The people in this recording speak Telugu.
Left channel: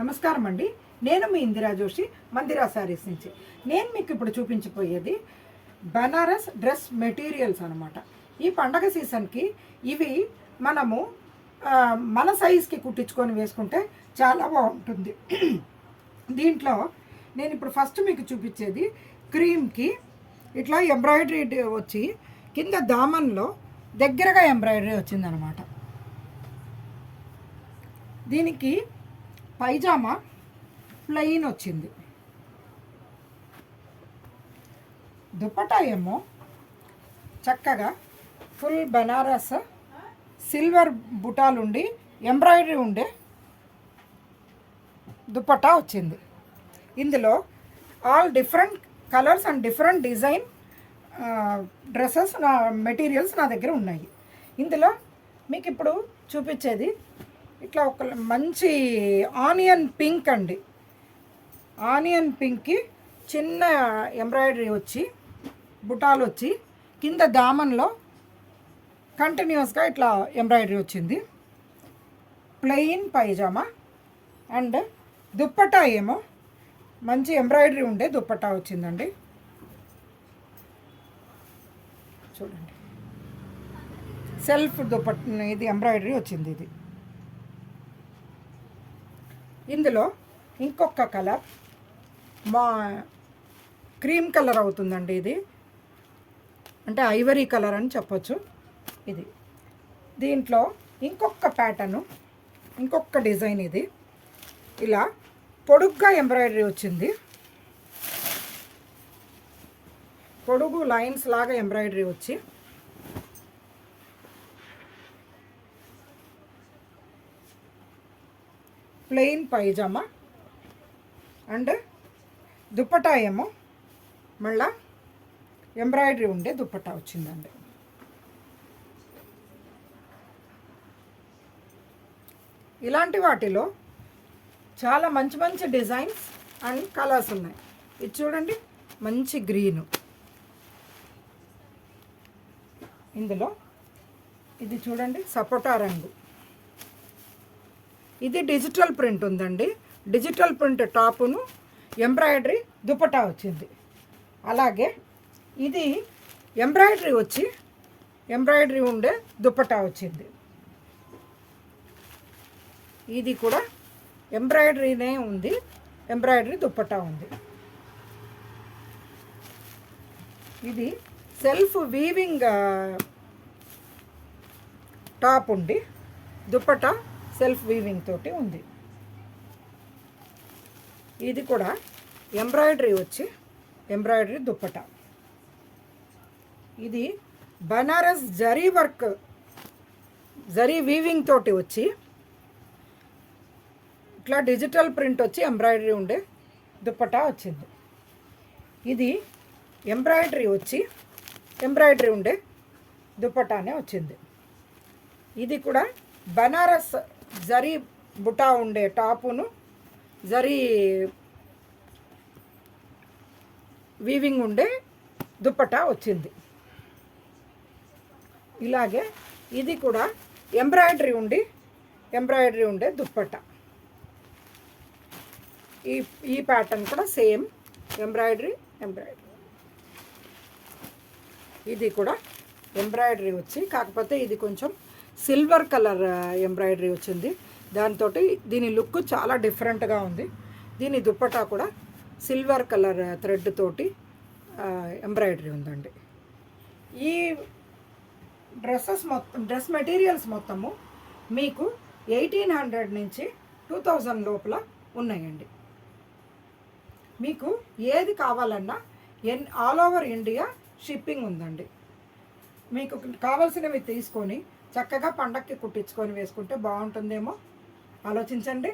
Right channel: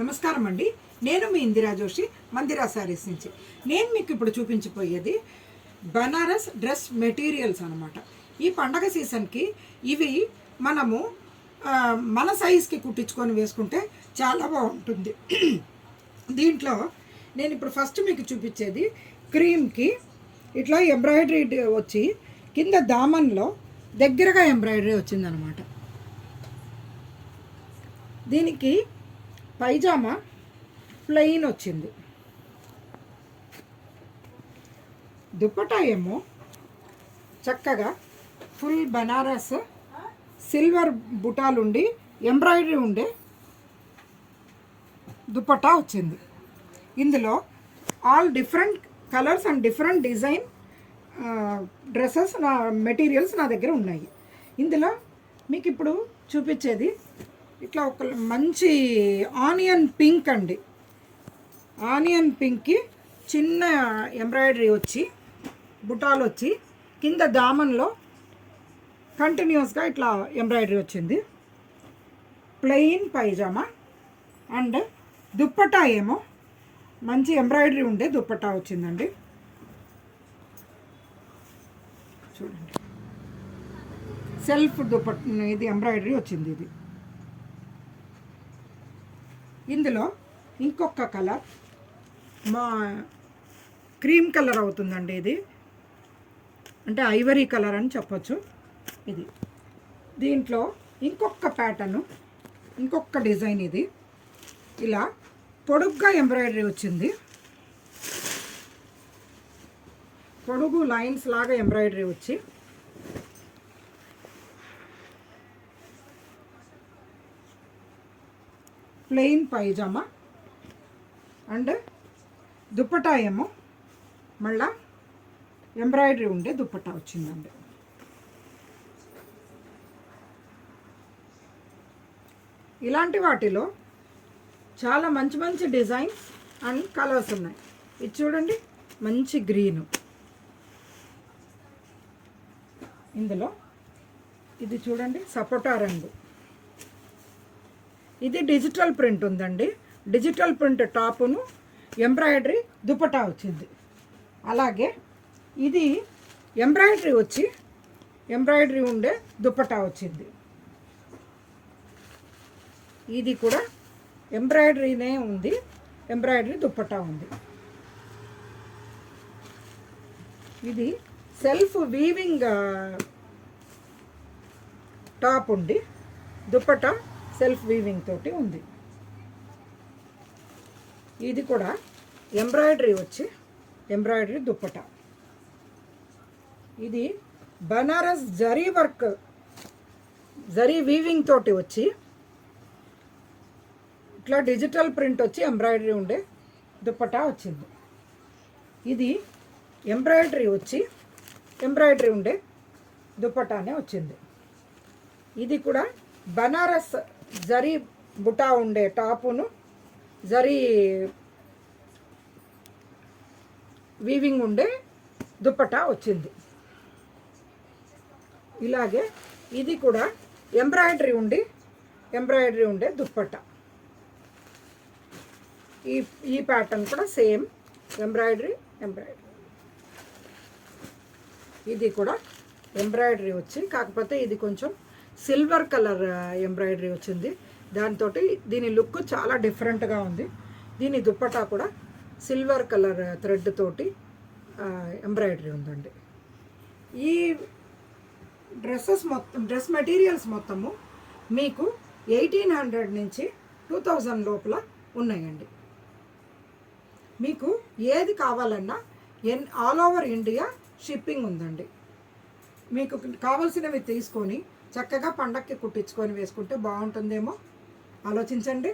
నమస్కారం అండి. నేను మీ ఇందిరా జోషి, మందిరా శారీస్ నుంచి. నేను మీకు ఇప్పుడు చూపించబోయేది బనారస్ డ్రెస్ మెటీరియల్స్ అనమాట. ఈ పండగ సీజన్కి ఇవి మనము మన సైజ్కి కుట్టించుకొని వేసుకుంటే చాలా బాగుంటుంది. దీంట్లో నేను ఇప్పుడు ఫస్ట్ మీకు చూపించేది క్రీమ్కి ఇట్లా ఎంబ్రాయిడరీ వచ్చి కింద దామన్లో దగ్గరగా ఎంబ్రాయిడరీ వచ్చిందనమాట. దీనికి పైజామా ప్లెయిన్ వచ్చింది. దుపట్టా ఏమో చక్కగా ఫుల్ బనారస్ సిల్వర్ బుటాలుండి ఎంబ్రాయిడరీ ఉండే దుపట్టా వచ్చింది. ఇందులో all different colours and different design dresses materials నా దగ్గర ఉన్నాయి. ఇందులో మీకు ఇప్పుడు చూపించేది ఇట్లా ఒక మంచి ఆనియన్ పింక్ అండి. ఆనియన్ పింక్కి చిన్న ఎంబ్రాయిడరీ వచ్చి బుటాలు వచ్చి కింద దామన్లో కంటిన్యూస్గా ఇట్లా ఎంబ్రాయిడరీ వచ్చింది. ప్లెయిన్ పైజామా అండ్ దుప్పట్టా ఏమో మంచి ఎంబ్రాయిడరీ ఉండే దుప్పట్టా వచ్చిందండి. చూడండి, సెల్ఫ్ దుప్పట్టా ఇది ఎంబ్రాయిడరీ వచ్చింది. ఇది ఇందులో ఇంకొక కలర్ క్రీమ్ కలర్ అవుతుందండి. ఇది అంటే ఐవరీ కలర్ అని చెప్పొచ్చు. ఇది దీంట్లో ఇంకొక ప్యాటర్ను, ఇంకొక డిజైన్. ఇది ఇలా పొడుగ్గా ఎంబ్రాయిడరీ వచ్చింది. పొడుగు లైన్స్ లాగా ఎంబ్రాయిడరీ వచ్చి ప్లెయిన్ పైజామా అండ్ దుప్పట్టా ఏమో మళ్ళా ఎంబ్రాయిడరీ ఉండే దుప్పట్టా వచ్చిందండి. ఇలాంటి వాటిలో చాలా మంచి మంచి డిజైన్స్ అండ్ కలర్స్ ఉన్నాయి. ఇది చూడండి, మంచి గ్రీను. ఇందులో ఇది చూడండి, సపోటా రంగు. ఇది డిజిటల్ ప్రింట్ ఉందండి. డిజిటల్ ప్రింట్ టాపును ఎంబ్రాయిడరీ దుపట్టా వచ్చింది. అలాగే ఇది ఎంబ్రాయిడరీ వచ్చి ఎంబ్రాయిడరీ ఉండే దుపట్టా వచ్చింది. ఇది కూడా ఎంబ్రాయిడరీనే ఉంది, ఎంబ్రాయిడరీ దుపట్టా ఉంది. ఇది సెల్ఫ్ వీవింగ్ టాప్ ఉండి దుపట్టా సెల్ఫ్ వీవింగ్ తోటి ఉంది. ఇది కూడా ఎంబ్రాయిడరీ వచ్చి ఎంబ్రాయిడరీ దుప్పట్టా. ఇది బనారస్ జరీ వర్క్, జరీ వీవింగ్ తోటి వచ్చి ఇట్లా డిజిటల్ ప్రింట్ వచ్చి ఎంబ్రాయిడరీ ఉండే దుప్పట్టా వచ్చింది. ఇది ఎంబ్రాయిడరీ వచ్చి ఎంబ్రాయిడరీ ఉండే దుప్పట్టానే వచ్చింది. ఇది కూడా బనారస్ జరీ బుటా ఉండే టాపును జరీ వీవింగ్ ఉండే దుప్పట్టా వచ్చింది. ఇలాగే ఇది కూడా ఎంబ్రాయిడరీ ఉండే దుప్పట్టా. ఈ ప్యాటర్న్ కూడా సేమ్ ఎంబ్రాయిడరీ. ఇది కూడా ఎంబ్రాయిడరీ వచ్చి, కాకపోతే ఇది కొంచెం సిల్వర్ కలర్ ఎంబ్రాయిడరీ వచ్చింది. దాంతో దీని లుక్ చాలా డిఫరెంట్గా ఉంది. దీని దుప్పట్టా కూడా సిల్వర్ కలర్ థ్రెడ్ తోటి ఎంబ్రాయిడరీ ఉందండి. ఈ డ్రెస్ మెటీరియల్స్ మొత్తము మీకు 1800 నుంచి 2000 లోపల ఉన్నాయండి. మీకు ఏది కావాలన్నా ఆల్ ఓవర్ ఇండియా షిప్పింగ్ ఉందండి. మీకు కావాల్సినవి తీసుకొని చక్కగా పండక్కి కుట్టించుకొని వేసుకుంటే బాగుంటుందేమో, ఆలోచించండి.